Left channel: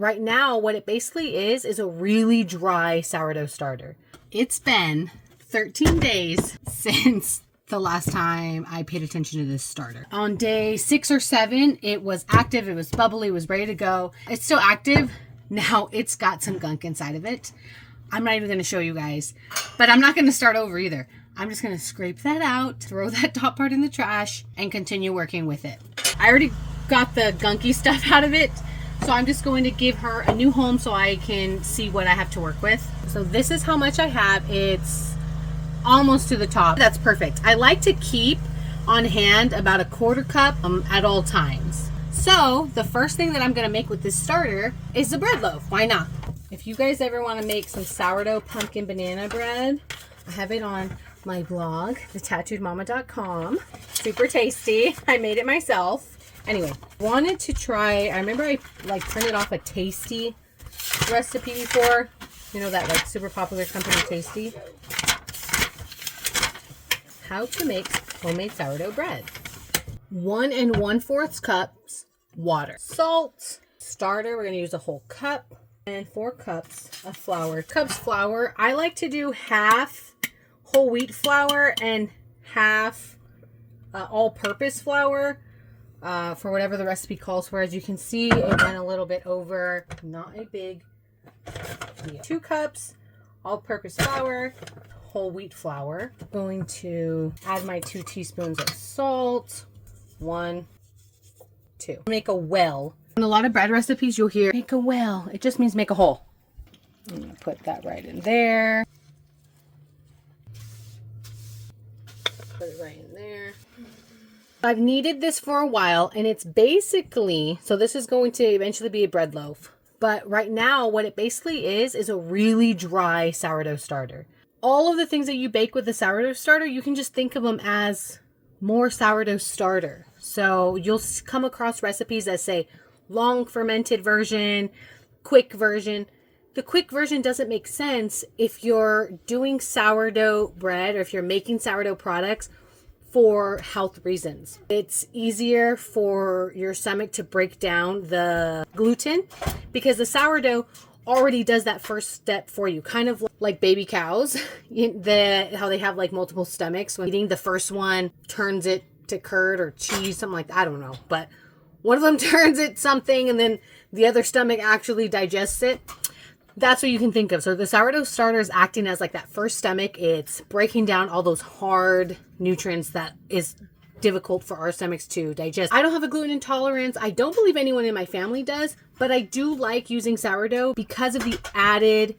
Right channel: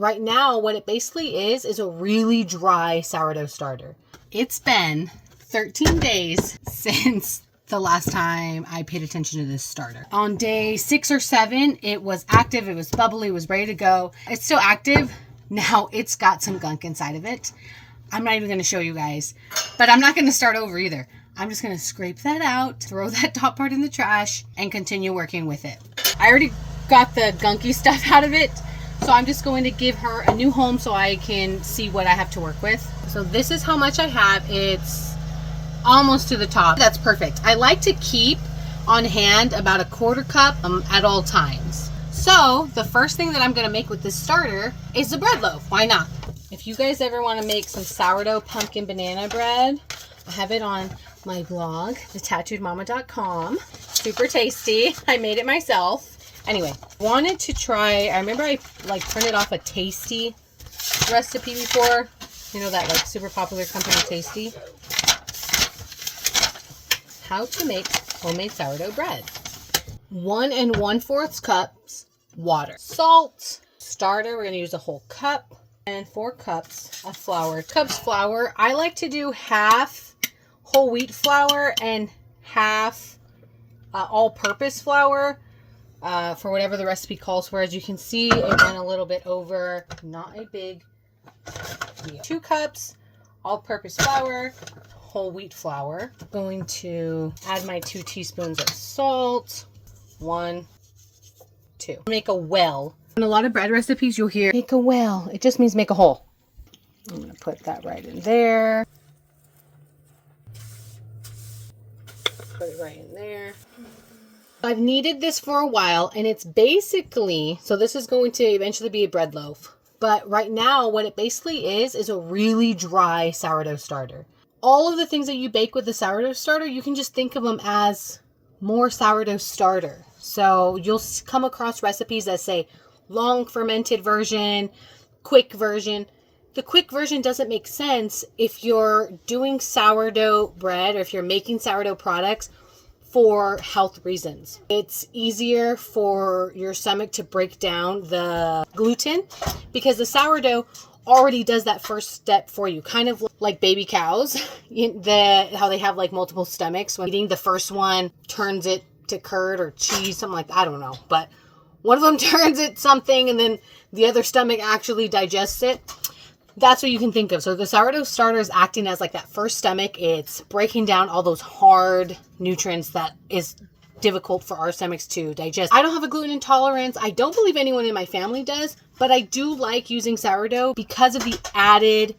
right now, what it basically is a really dry sourdough starter. It's been 13 days since the last time I paid attention to this starter. On day 6 or 7, it was active, it was bubbly, it was ready to go. It's still active. Now it's got some gunk inside of it. I'm not even going to show you guys, but I'm not going to start over either. I'm just going to scrape that out, throw that top part in the trash, and continue working with it. I already got the gunky stuff out of it, so I'm just going to give her a new home so I can see what I have to work with. So this is how much I have. It's almost to the top. That's perfect. I like to keep on hand about a 1/4 cup at all times. So the first thing that I'm going to make with this starter is the bread loaf. Why not? If you guys ever want to make some sourdough pumpkin banana bread, I have it on my blog, thetattooedmama.com. Super tasty. I made it myself. Anyway, wanted to try, I remember I like printed off a Tasty recipe before. You know that like super popular company Tasty. How to make homemade sourdough bread. 1 1/4 cups water. Salt. Starter, we're going to use a whole cup. And 4 cups of flour. Cups flour. I like to do half whole wheat flour and half all-purpose flour for whatever the recipe calls for. As you can see, it went a little bit over. Not a big deal. 2 cups all-purpose flour, whole wheat flour. I'm going to add my 2 teaspoons of salt. 1, 2. Make a well. In a lot of bread recipes, you'll hear make a well. It just means make a hole. I'm going to put that right in there. Put it right in there. I've needed this for a while, and it's basically, so this is going to eventually be a bread loaf. But right now, what it basically is a really dry sourdough starter. All of the things that you bake with the sourdough starter, you can just think of them as more sourdough starter. So you'll come across recipes that say long fermented version, quick version. The quick version doesn't make sense if you're doing sourdough bread or if you're making sourdough products for health reasons. It's easier for your stomach to break down the gluten because the sourdough already does that first step for you, kind of like baby cows, how they have like multiple stomachs. When eating, the first one turns it to curd or cheese, something like that. I don't know, but one of them turns it something and then the other stomach actually digests it. That's what you can think of. So the sourdough starter is acting as like that first stomach. It's breaking down all those hard nutrients that is difficult for our stomachs to digest. I don't have a gluten intolerance. I don't believe anyone in my family does, but I do like using sourdough because of the added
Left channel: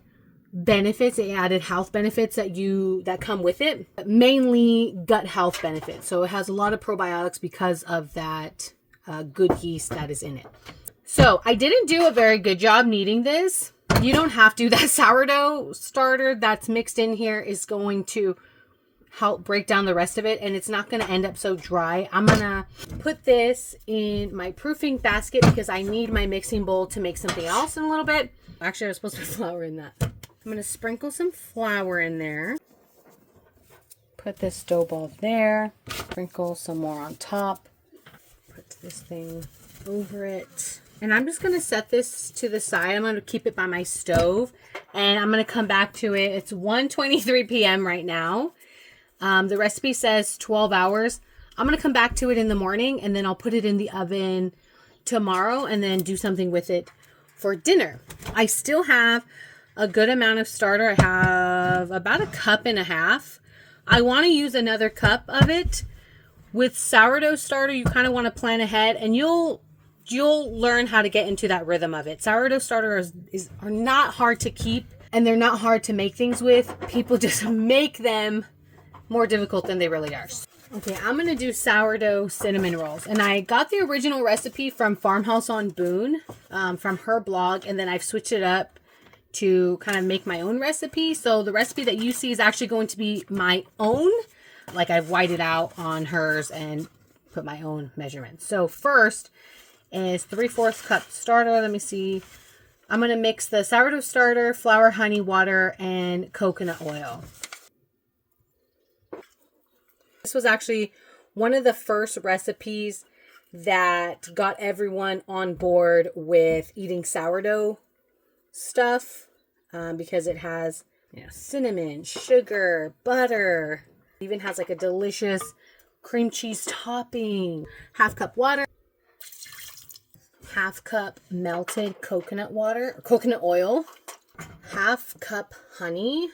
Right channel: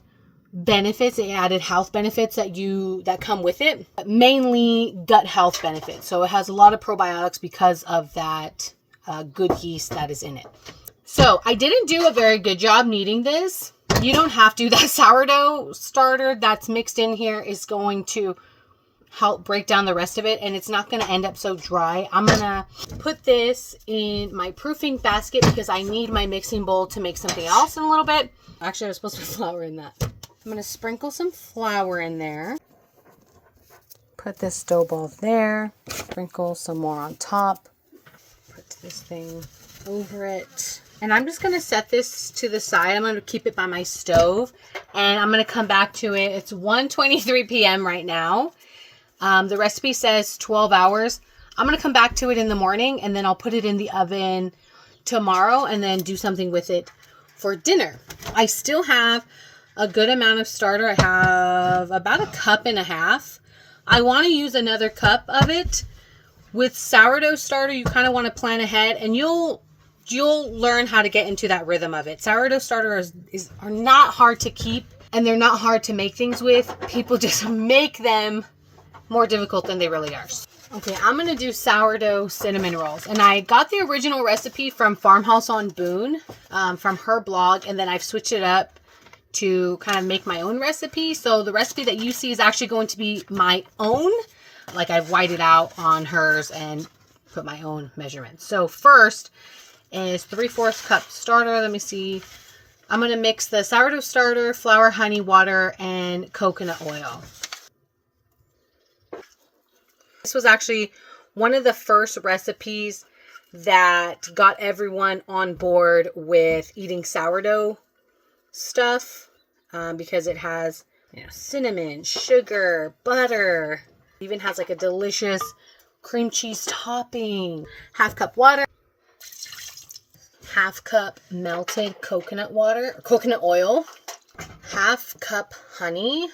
benefits, the added health benefits that come with it, mainly gut health benefits. So it has a lot of probiotics because of that good yeast that is in it. So I didn't do a very good job kneading this. You don't have to. That sourdough starter that's mixed in here is going to help break down the rest of it, and it's not going to end up so dry. I'm going to put this in my proofing basket because I need my mixing bowl to make something else in a little bit. Actually, I was supposed to put flour in that. I'm going to sprinkle some flour in there. Put this dough ball there. Sprinkle some more on top. Put this thing over it. And I'm just going to set this to the side. I'm going to keep it by my stove. And I'm going to come back to it. It's 1:23 p.m. right now. The recipe says 12 hours. I'm going to come back to it in the morning. And then I'll put it in the oven tomorrow. And then do something with it for dinner. I still have a good amount of starter. I have about 1.5 cups. I want to use another cup of it. With sourdough starter, you kind of want to plan ahead. And you'll learn how to get into that rhythm of it. Sourdough starter are not hard to keep, and they're not hard to make things with. People just make them more difficult than they really are. Okay, I'm going to do sourdough cinnamon rolls. And I got the original recipe from Farmhouse on Boone, from her blog, and then I've switched it up to kind of make my own recipe. So the recipe that you see is actually going to be my own. Like I've whited out on hers and put my own measurements. So first is 3/4 cup starter. Let me see. I'm going to mix the sourdough starter, flour, honey, water, and coconut oil. This was actually one of the first recipes that got everyone on board with eating sourdough stuff, because it has, you know, cinnamon, sugar, butter, even has like a delicious cream cheese topping. Half cup water, half cup melted coconut water, or coconut oil, half cup honey.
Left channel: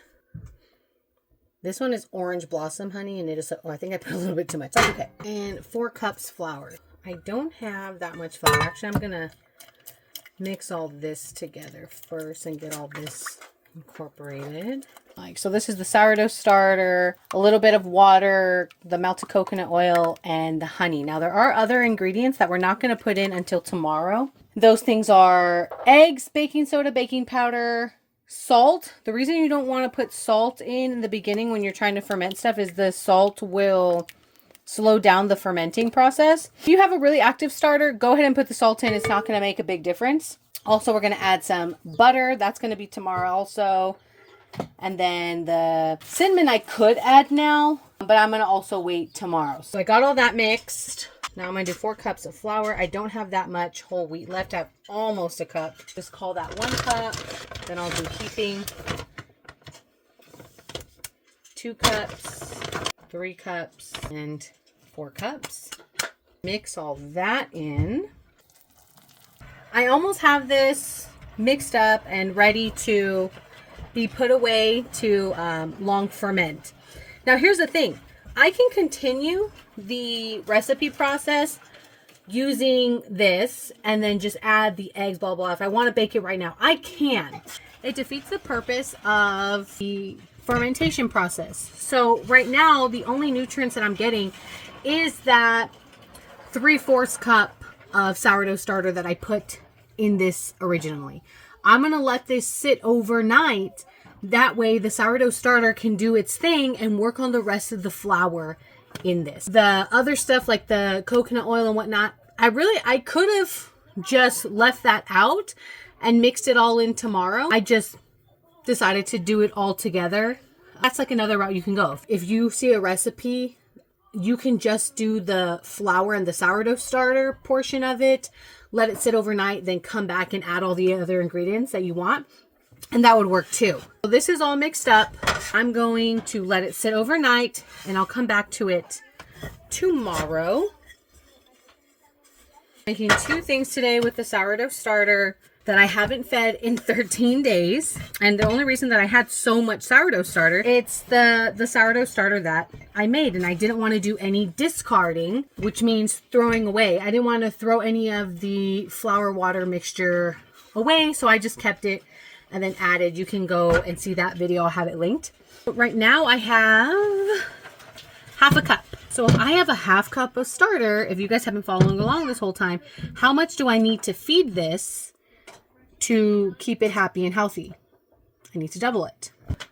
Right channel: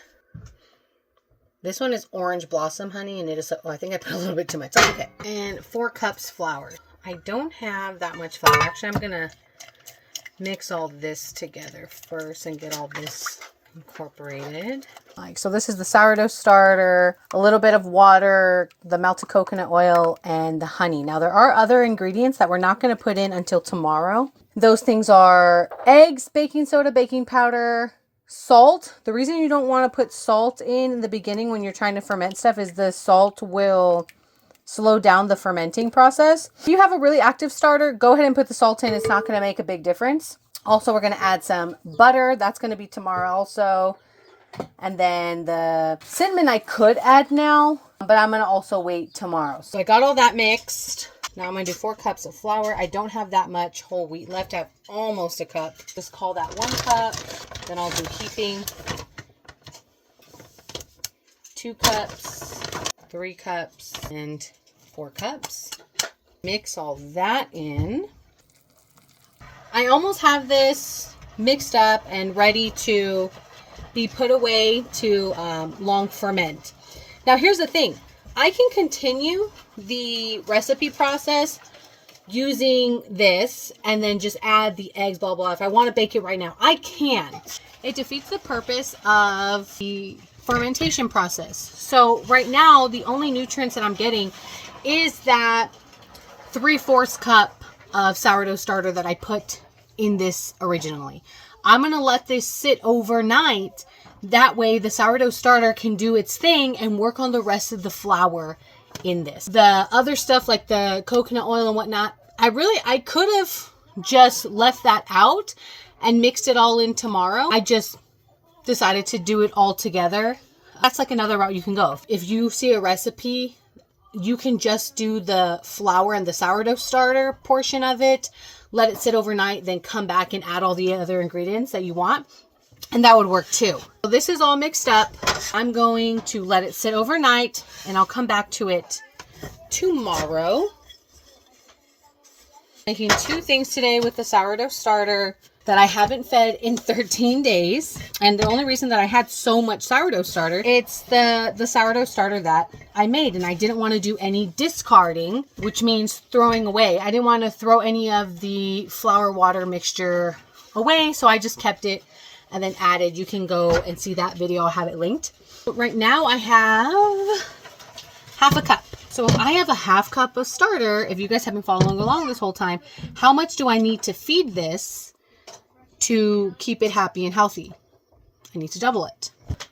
This one is orange blossom honey, and it is, oh, I think I put a little bit too much. Okay. And 4 cups flour. I don't have that much flour. Actually, I'm going to mix all this together first and get all this incorporated. So this is the sourdough starter, a little bit of water, the melted coconut oil, and the honey. Now, there are other ingredients that we're not going to put in until tomorrow. Those things are eggs, baking soda, baking powder, salt. The reason you don't want to put salt in the beginning when you're trying to ferment stuff is the salt will slow down the fermenting process. If you have a really active starter, go ahead and put the salt in. It's not going to make a big difference. Also, we're going to add some butter. That's going to be tomorrow also. And then the cinnamon I could add now, but I'm going to also wait tomorrow. So I got all that mixed. Now I'm going to do 4 cups of flour. I don't have that much whole wheat left. I have almost a cup. Just call that 1 cup. Then I'll do heaping. 2 cups, 3 cups, and 4 cups. Mix all that in. I almost have this mixed up and ready to be put away to long ferment. Now here's the thing. I can continue the recipe process using this and then just add the eggs, blah, blah. If I want to bake it right now, I can. It defeats the purpose of the fermentation process. So right now, the only nutrients that I'm getting is that 3/4 cup of sourdough starter that I put in this originally. I'm going to let this sit overnight. That way the sourdough starter can do its thing and work on the rest of the flour in this. The other stuff like the coconut oil and whatnot, I could have just left that out and mixed it all in tomorrow. I just decided to do it all together. That's like another route you can go. If you see a recipe, you can just do the flour and the sourdough starter portion of it, let it sit overnight, then come back and add all the other ingredients that you want. And that would work too. So this is all mixed up. I'm going to let it sit overnight and I'll come back to it tomorrow. Making 2 things today with the sourdough starter that I haven't fed in 13 days. And the only reason that I had so much sourdough starter, it's the sourdough starter that I made. And I didn't want to do any discarding, which means throwing away. I didn't want to throw any of the flour water mixture away. So I just kept it and then added. You can go and see that video. I'll have it linked. But right now I have half a cup. So if I have a half cup of starter, if you guys have been following along this whole time, how much do I need to feed this to keep it happy and healthy? I need to double it.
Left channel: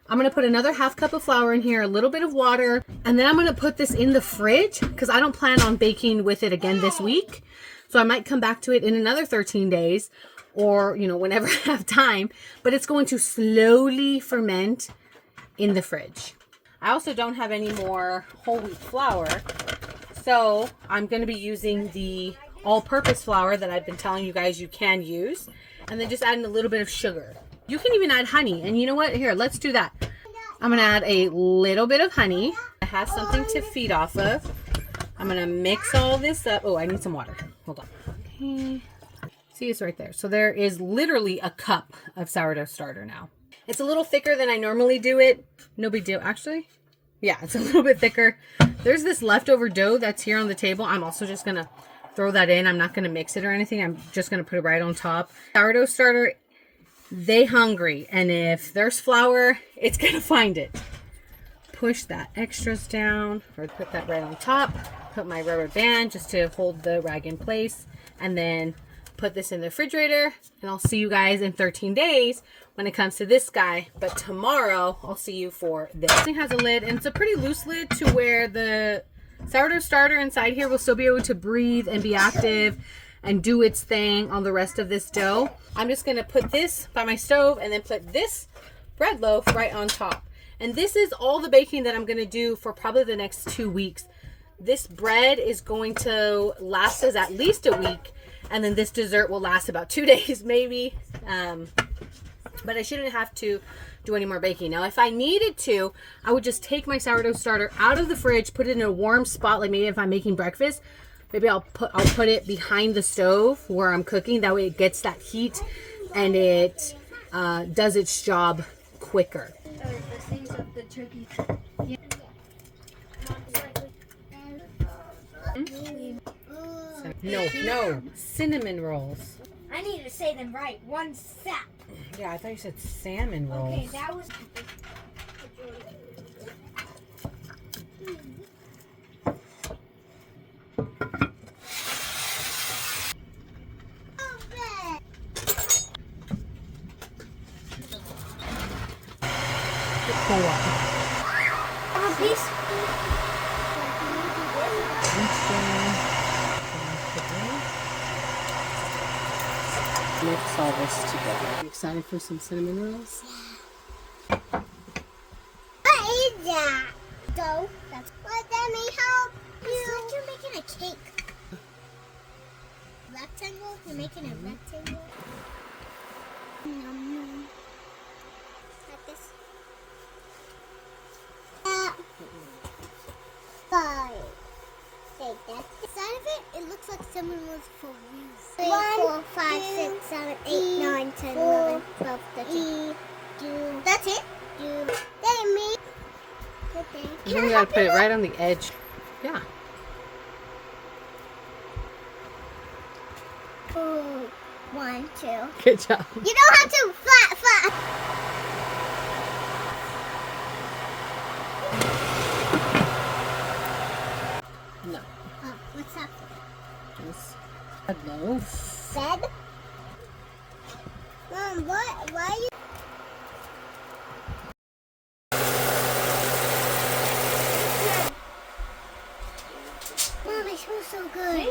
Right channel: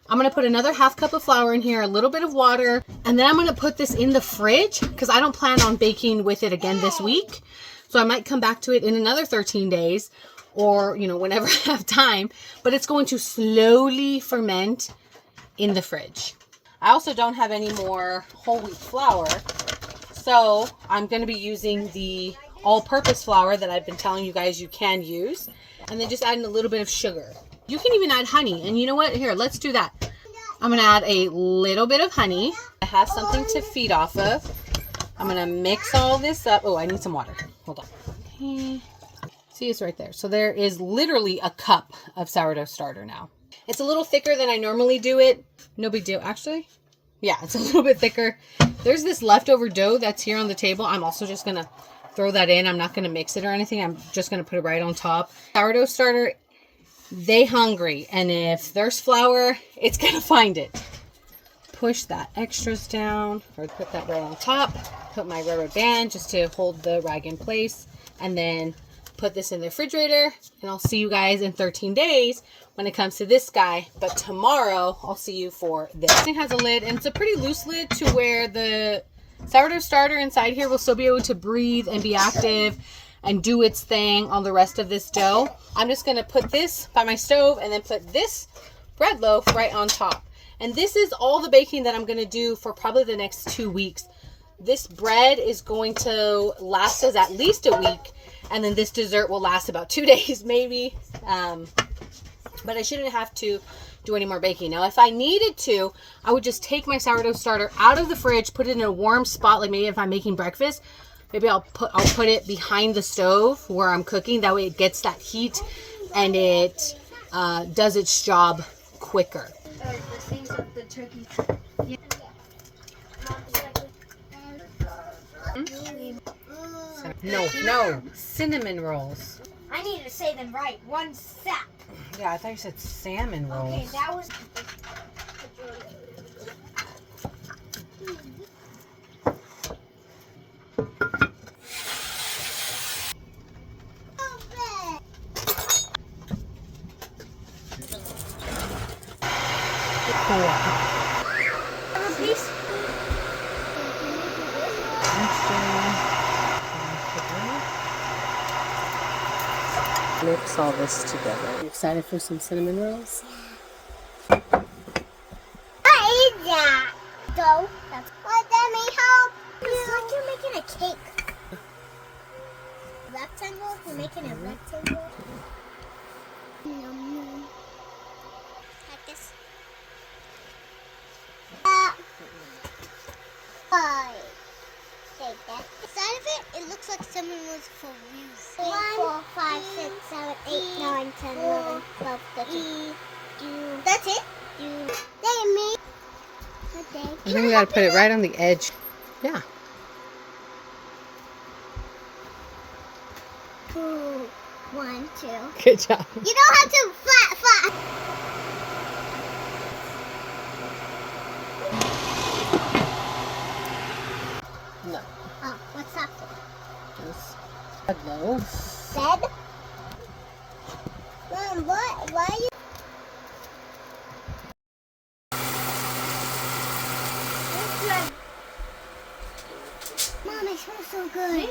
I'm going to put another half cup of flour in here, a little bit of water, and then I'm going to put this in the fridge because I don't plan on baking with it again this week. So I might come back to it in another 13 days or, you know, whenever I have time, but it's going to slowly ferment in the fridge. I also don't have any more whole wheat flour, so I'm going to be using the all-purpose flour that I've been telling you guys you can use, and then just adding a little bit of sugar. You can even add honey, and you know what? Here, let's do that. I'm going to add a little bit of honey. It has something to feed off of. I'm going to mix all this up. Oh, I need some water. Hold on. Okay. See, it's right there. So there is literally a cup of sourdough starter now. It's a little thicker than I normally do it. No big deal. Actually, yeah, it's a little bit thicker. There's this leftover dough that's here on the table. I'm also just going to throw that in. I'm not going to mix it or anything. I'm just going to put it right on top. Sourdough starter, they hungry. And if there's flour, it's going to find it. Push that extras down or put that right on top. Put my rubber band just to hold the rag in place. And then put this in the refrigerator. And I'll see you guys in 13 days when it comes to this guy. But tomorrow, I'll see you for this. This thing has a lid, and it's a pretty loose lid to where the sourdough starter inside here will still be able to breathe and be active and do its thing on the rest of this dough. I'm just going to put this by my stove and then put this bread loaf right on top. And this is all the baking that I'm going to do for probably the next 2 weeks. this bread is going to last us at least a week, and then this dessert will last about 2 days maybe. But I shouldn't have to do any more baking. Now, if I needed to, I would just take my sourdough starter out of the fridge, put it in a warm spot, like maybe if I'm making breakfast, maybe I'll put it behind the stove where I'm cooking. That way it gets that heat and it does its job quicker. No, cinnamon rolls. I need to say them right. One sap. Yeah, I thought you said salmon rolls. Okay, that was. Four. Please. Mix all this together. You excited for some cinnamon rolls? What is that? Dough. That's what that may help you. It's like you're making a cake. Rectangle? You're making a rectangle? Like this. Five. Like that. Inside of it, it looks like someone was for real. 3, 4, 5, 6, 7, 8, 9, 10, 11, 12, 13. That's it? Me. And then you gotta put it right on the edge. Yeah. 2, 1, 2. Good job. You don't have to flat. No. Oh, what's that for? This a loaf. Bread? Mom, what? Why are you? Mom, it smells so good.